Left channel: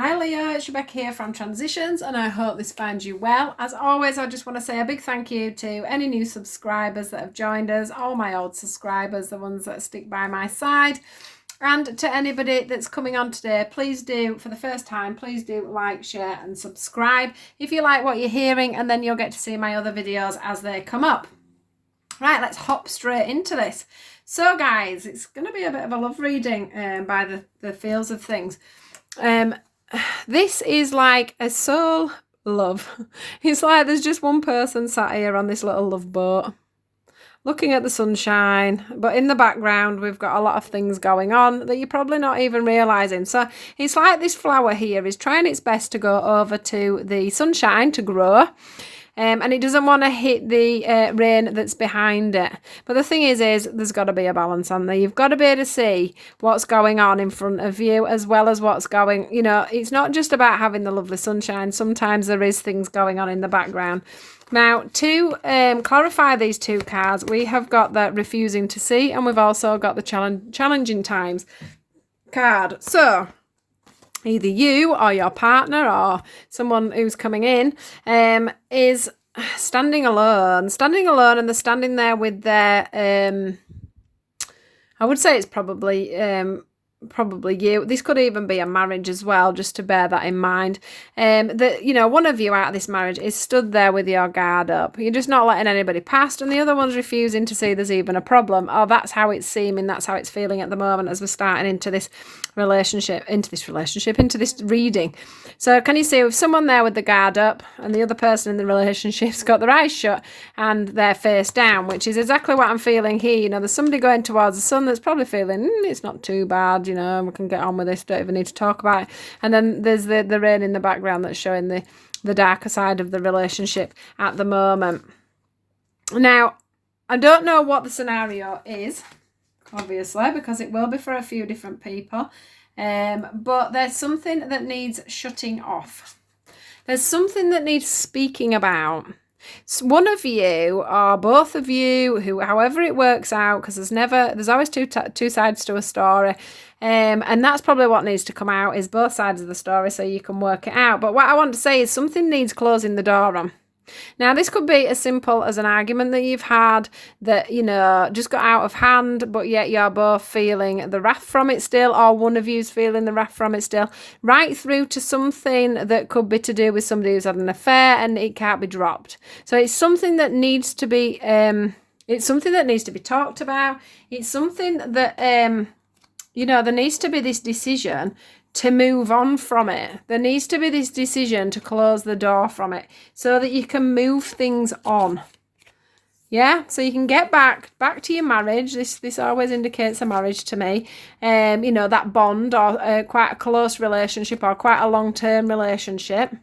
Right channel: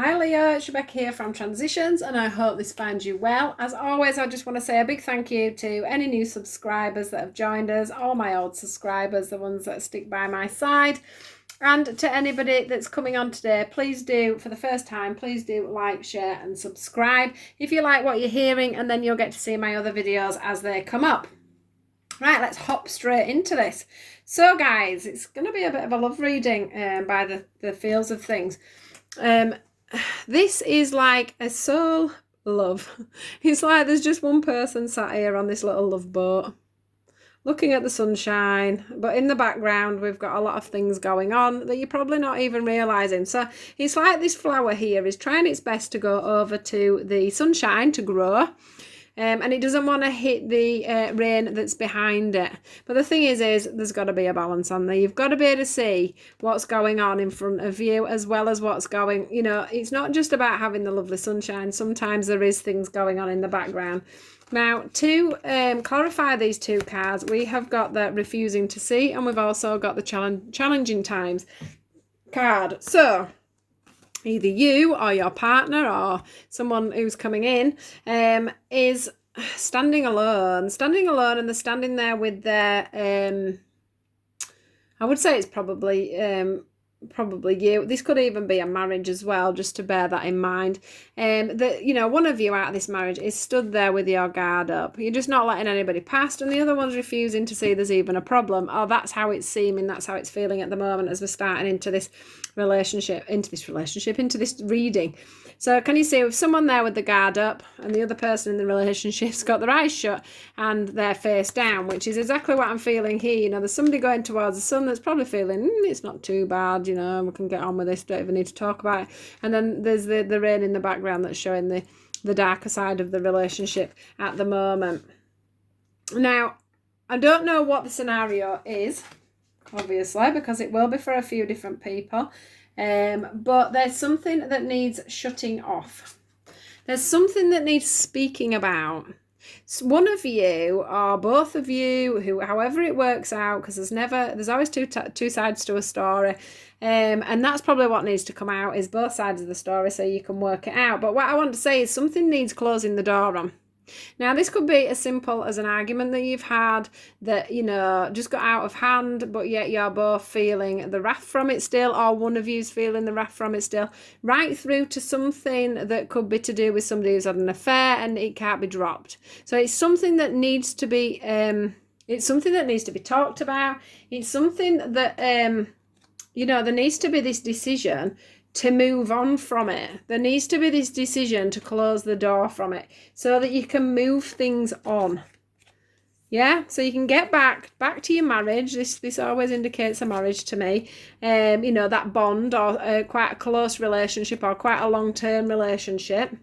Hi Leo, it's Rebecca here from Transitions and I hope this finds you well. As always, I just want to say a big thank you to any new subscribers that have joined us, all my old subscribers, the ones that stick by my side, and to anybody that's coming on today, please do, for the first time, please do like, share and subscribe if you like what you're hearing, and then you'll get to see my other videos as they come up. Right, let's hop straight into this. So guys, it's going to be a bit of a love reading by the feels of things. This is like a soul love. It's like there's just one person sat here on this little love boat looking at the sunshine, but in the background we've got a lot of things going on that you're probably not even realizing. So it's like this flower here is trying its best to go over to the sunshine to grow. And it doesn't want to hit the rain that's behind it. But the thing is there's got to be a balance on there. You've got to be able to see what's going on in front of you as well as what's going, it's not just about having the lovely sunshine. Sometimes there is things going on in the background. Now, to clarify these two cards, we have got the refusing to see, and we've also got the challenging times card. So either you or your partner or someone who's coming in is standing alone, and they're standing there with their I would say it's probably you. This could even be a marriage as well, just to bear that in mind. That one of you out of this marriage is stood there with your guard up. You're just not letting anybody past, and the other one's refusing to see there's even a problem. Or that's how it's seeming, that's how it's feeling at the moment as we're starting into this reading. So can you see with someone there with the guard up and the other person in the relationship's got their eyes shut and their face down, which is exactly what I'm feeling here. There's somebody going towards the sun that's probably feeling it's not too bad, we can get on with this, don't even need to talk about it. And then there's the rain in the background that's showing the darker side of the relationship at the moment. Now, I don't know what the scenario is, obviously, because it will be for a few different people. But there's something that needs shutting off. There's something that needs speaking about. So one of you or both of you, however it works out, because there's always two sides to a story. And that's probably what needs to come out, is both sides of the story, so you can work it out. But what I want to say is something needs closing the door on. Now, this could be as simple as an argument that you've had that, just got out of hand, but yet you're both feeling the wrath from it still, or one of you's feeling the wrath from it still, right through to something that could be to do with somebody who's had an affair and it can't be dropped. So it's something that needs to be, talked about. It's something that, there needs to be this decision to move on from it. There needs to be this decision to close the door from it so that you can move things on. Yeah, so you can get back to your marriage. This always indicates a marriage to me. That bond or quite a close relationship or quite a long-term relationship.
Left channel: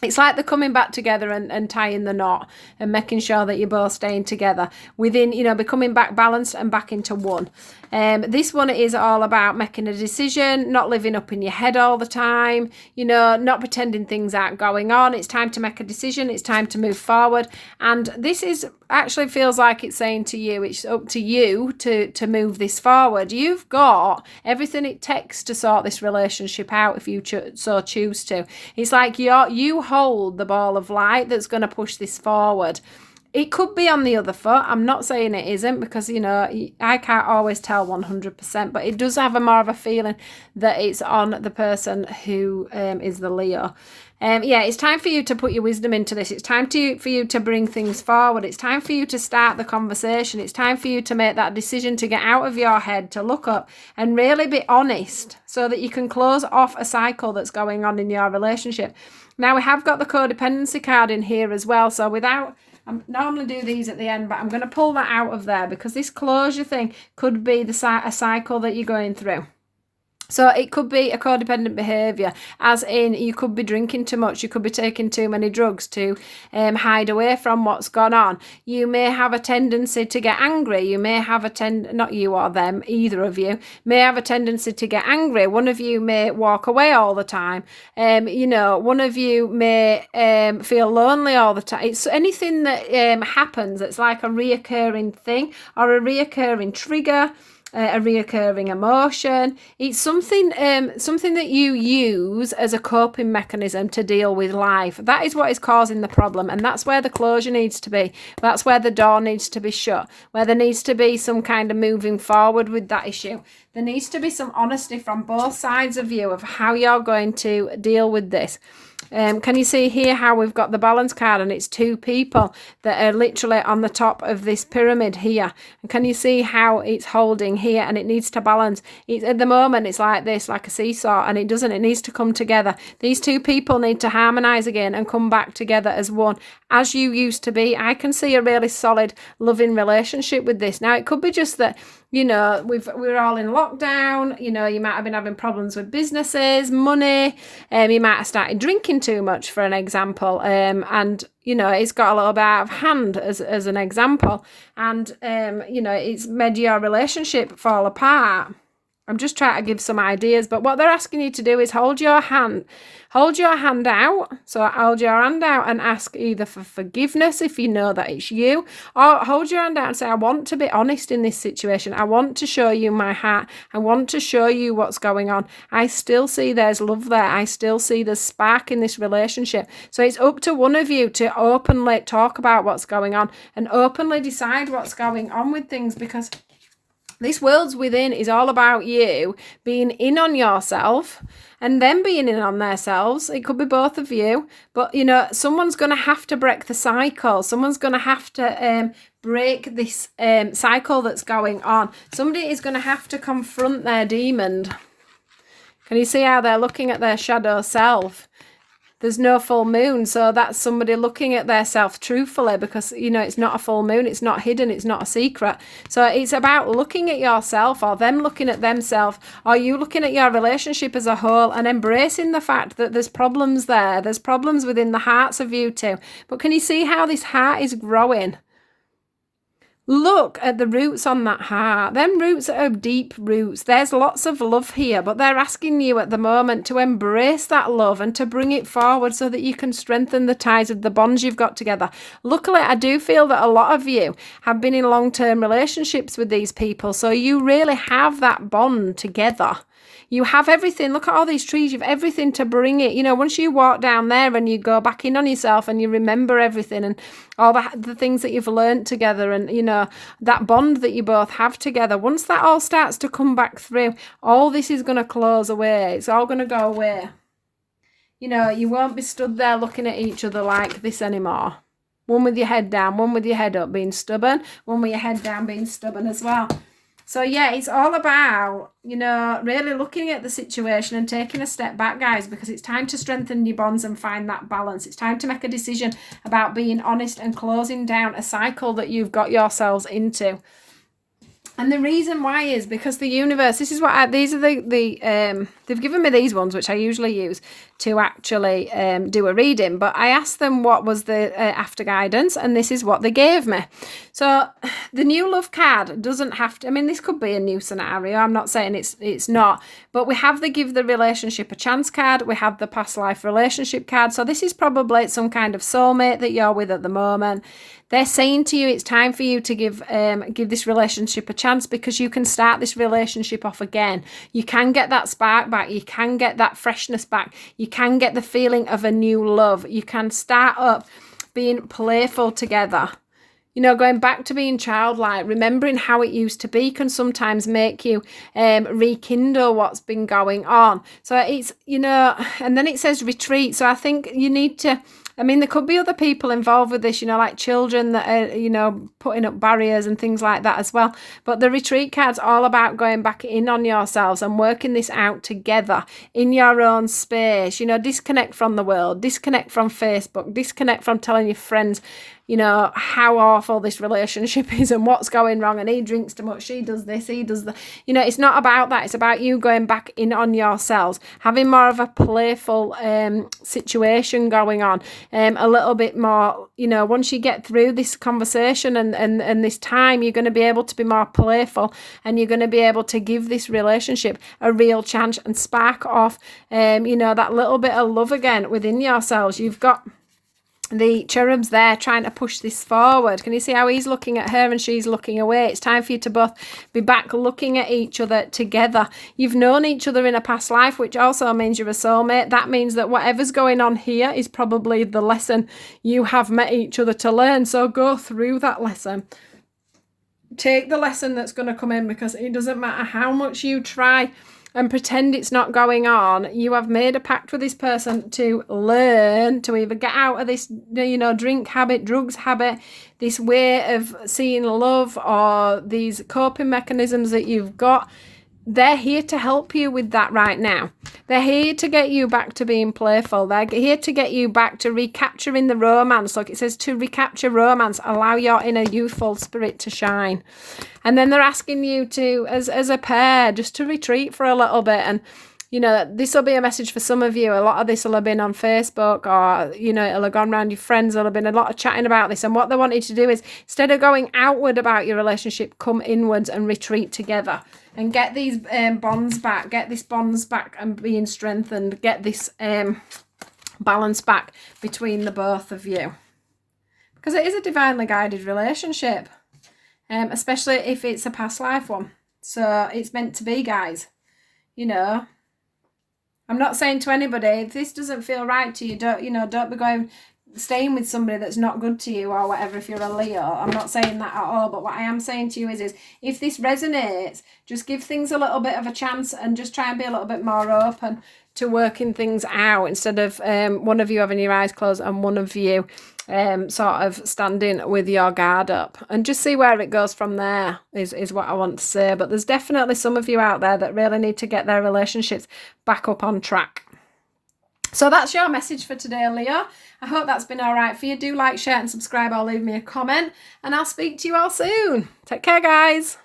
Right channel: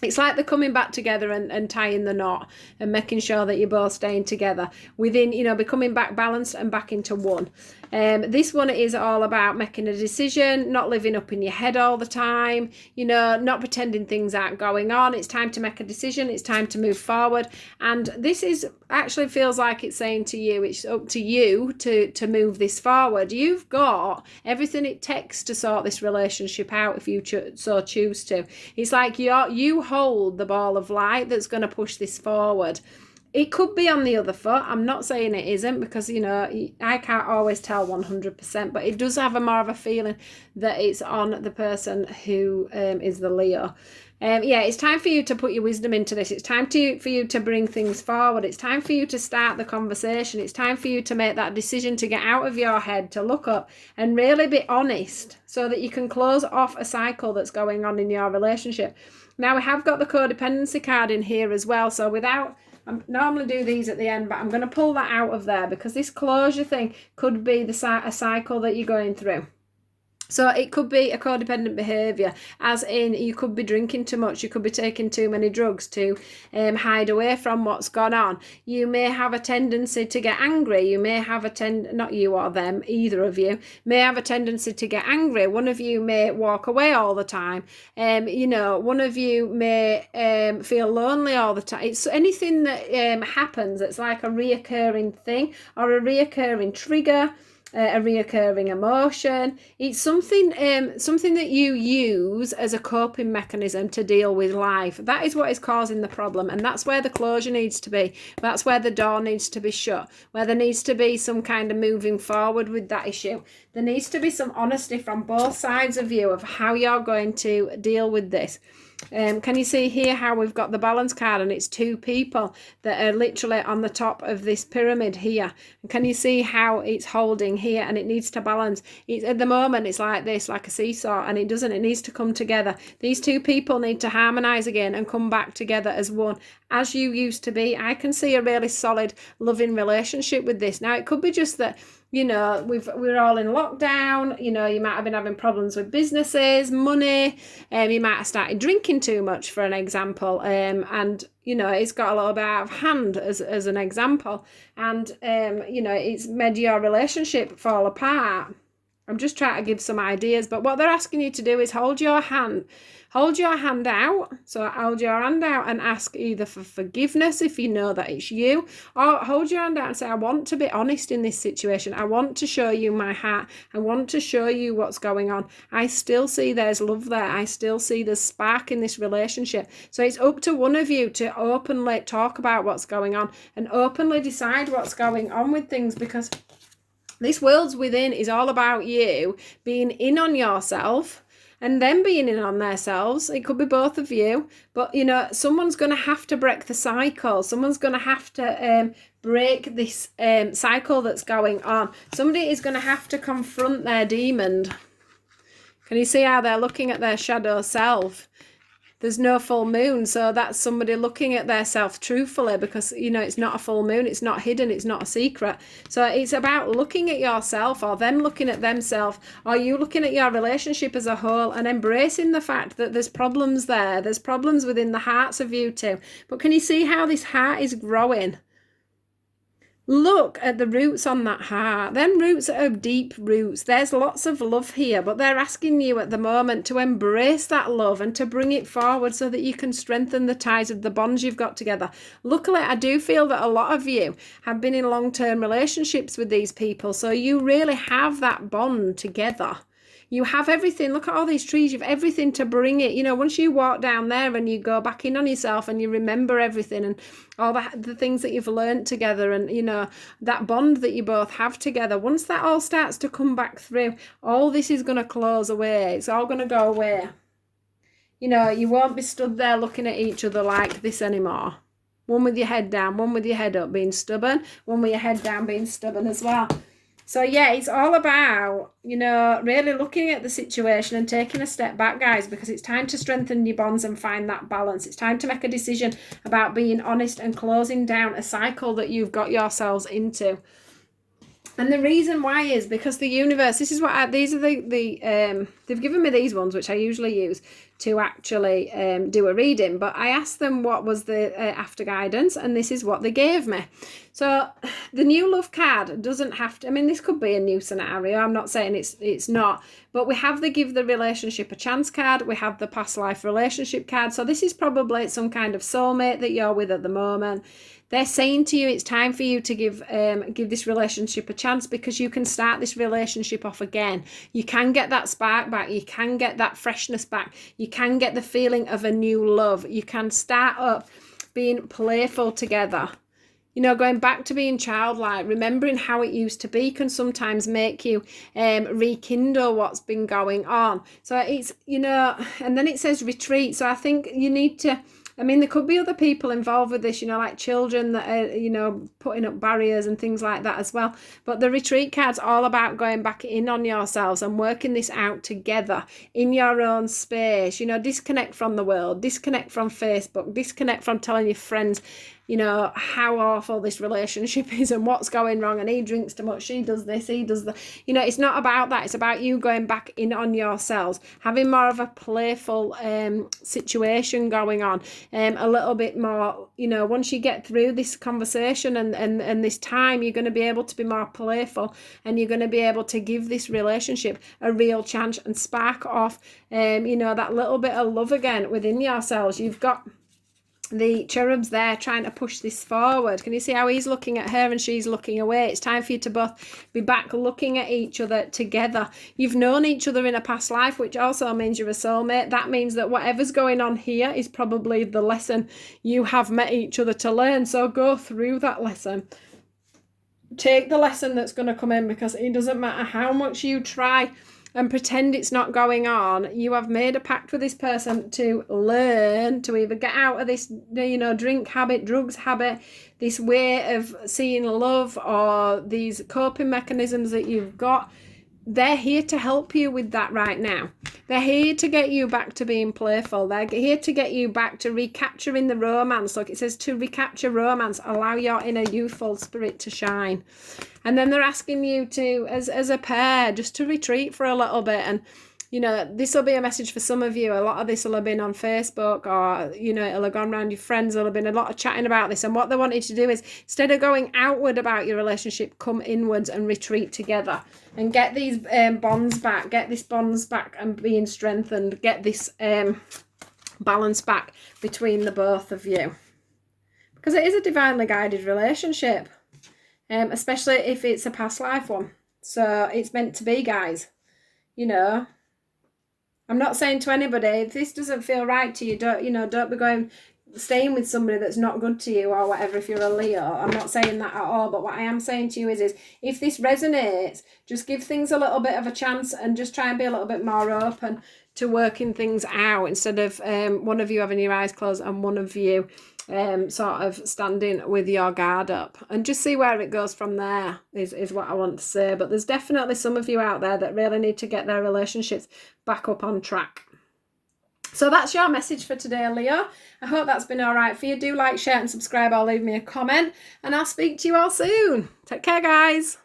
It's like they're coming back together and tying the knot and making sure that you're both staying together within, becoming back balanced and back into one. This one is all about making a decision, not living up in your head all the time, not pretending things aren't going on. It's time to make a decision. It's time to move forward. And this is actually feels like it's saying to you, it's up to you to move this forward. You've got everything it takes to sort this relationship out if you so choose to. It's like you hold the ball of light that's going to push this forward. It could be on the other foot. I'm not saying it isn't, because, I can't always tell 100%, but it does have more of a feeling that it's on the person who is the Leo. It's time for you to put your wisdom into this. It's time for you to bring things forward. It's time for you to start the conversation. It's time for you to make that decision to get out of your head, to look up and really be honest so that you can close off a cycle that's going on in your relationship. Now, we have got the codependency card in here as well. So I normally do these at the end, but I'm going to pull that out of there because this closure thing could be a cycle that you're going through. So it could be a codependent behaviour, as in you could be drinking too much, you could be taking too many drugs to hide away from what's gone on. You may have a tendency to get angry. You may have not you or them, either of you, may have a tendency to get angry. One of you may walk away all the time. One of you may feel lonely all the time. It's anything that happens that's like a reoccurring thing or a reoccurring trigger. a reoccurring emotion. It's something that you use as a coping mechanism to deal with life. That is what is causing the problem, and that's where the closure needs to be. That's where the door needs to be shut, where there needs to be some kind of moving forward with that issue. There needs to be some honesty from both sides of you of how you're going to deal with this. Can you see here how we've got the balance card, and it's two people that are literally on the top of this pyramid here? And can you see how it's holding here, and it needs to balance? At the moment it's like this, like a seesaw, and it doesn't. It needs to come together. These two people need to harmonize again and come back together as one, as you used to be. I can see a really solid loving relationship with this. Now it could be just that, you know, we're all in lockdown. You know, you might have been having problems with businesses, money. You might have started drinking too much, for an example. And you know, it's got a little bit out of hand as an example. And you know, it's made your relationship fall apart. I'm just trying to give some ideas, but what they're asking you to do is hold your hand out. So hold your hand out and ask either for forgiveness if you know that it's you, or hold your hand out and say, I want to be honest in this situation. I want to show you my heart. I want to show you what's going on. I still see there's love there. I still see there's spark in this relationship. So it's up to one of you to openly talk about what's going on and openly decide what's going on with things, because this world's within is all about you being in on yourself and them being in on themselves. It could be both of you, but you know, someone's going to have to break the cycle. Someone's going to have to break this cycle that's going on. Somebody is going to have to confront their demon. Can you see how they're looking at their shadow self? There's no full moon, so that's somebody looking at their self truthfully, because, you know, it's not a full moon, it's not hidden, it's not a secret. So it's about looking at yourself, or them looking at themselves, or you looking at your relationship as a whole and embracing the fact that there's problems there. There's problems within the hearts of you two. But can you see how this heart is growing? Look at the roots on that heart. Them roots are deep roots. There's lots of love here, but they're asking you at the moment to embrace that love and to bring it forward so that you can strengthen the ties of the bonds you've got together. Luckily, I do feel that a lot of you have been in long-term relationships with these people, so you really have that bond together. You have everything. Look at all these trees. You've everything to bring it. You know, once you walk down there and you go back in on yourself and you remember everything and all the things that you've learned together, and, you know, that bond that you both have together, once that all starts to come back through, all this is going to close away. It's all going to go away. You know, you won't be stood there looking at each other like this anymore. One with your head down, one with your head up being stubborn, one with your head down being stubborn as well. So yeah, it's all about, you know, really looking at the situation and taking a step back, guys, because it's time to strengthen your bonds and find that balance. It's time to make a decision about being honest and closing down a cycle that you've got yourselves into. And the reason why is because the universe, this is what these are they've given me these ones, which I usually use to actually do a reading, but I asked them what was the after guidance, and this is what they gave me. So the new love card doesn't have to, I mean, this could be a new scenario. I'm not saying it's not, but we have the give the relationship a chance card. We have the past life relationship card. So this is probably some kind of soulmate that you're with at the moment. They're saying to you it's time for you to give this relationship a chance, because you can start this relationship off again. You can get that spark back. You can get that freshness back. You can get the feeling of a new love. You can start up being playful together. You know, going back to being childlike, remembering how it used to be can sometimes make you rekindle what's been going on. So it's, you know, and then it says retreat. So I think you need to, I mean, there could be other people involved with this, you know, like children that are, you know, putting up barriers and things like that as well. But the retreat card's all about going back in on yourselves and working this out together in your own space. You know, disconnect from the world, disconnect from Facebook, disconnect from telling your friends, you know, how awful this relationship is and what's going wrong, and he drinks too much, she does this, he does that. You know, it's not about that. It's about you going back in on yourselves, having more of a playful situation going on, a little bit more, you know, once you get through this conversation and this time, you're going to be able to be more playful, and you're going to be able to give this relationship a real chance and spark off, you know, that little bit of love again within yourselves. You've got the cherub's there trying to push this forward. Can you see how he's looking at her and she's looking away? It's time for you to both be back looking at each other together. You've known each other in a past life, which also means you're a soulmate. That means that whatever's going on here is probably the lesson you have met each other to learn. So go through that lesson. Take the lesson that's going to come in, because it doesn't matter how much you try and pretend it's not going on. You have made a pact with this person to learn to either get out of this, drink habit, drugs habit, this way of seeing love, or these coping mechanisms that you've got. They're here to help you with that right now. They're here to get you back to being playful. They're here to get you back to recapturing the romance. Look, it says to recapture romance, allow your inner youthful spirit to shine. And then they're asking you to, as a pair, just to retreat for a little bit. And, this will be a message for some of you. A lot of this will have been on Facebook, or, it'll have gone around your friends. There'll have been a lot of chatting about this. And what they wanted to do is, instead of going outward about your relationship, come inwards and retreat together. And get these bonds back, and being strengthened, get this balance back between the both of you. Because it is a divinely guided relationship, especially if it's a past life one. So it's meant to be, guys. I'm not saying to anybody, if this doesn't feel right to you, don't be staying with somebody that's not good to you or whatever if you're a Leo. I'm not saying that at all, but what I am saying to you is if this resonates, just give things a little bit of a chance and just try and be a little bit more open to working things out, instead of one of you having your eyes closed and one of you sort of standing with your guard up, and just see where it goes from there is what I want to say. But there's definitely some of you out there that really need to get their relationships back up on track. So that's your message for today, Leo. I hope that's been all right for you. Do like, share and subscribe, or leave me a comment, and I'll speak to you all soon. Take care, guys.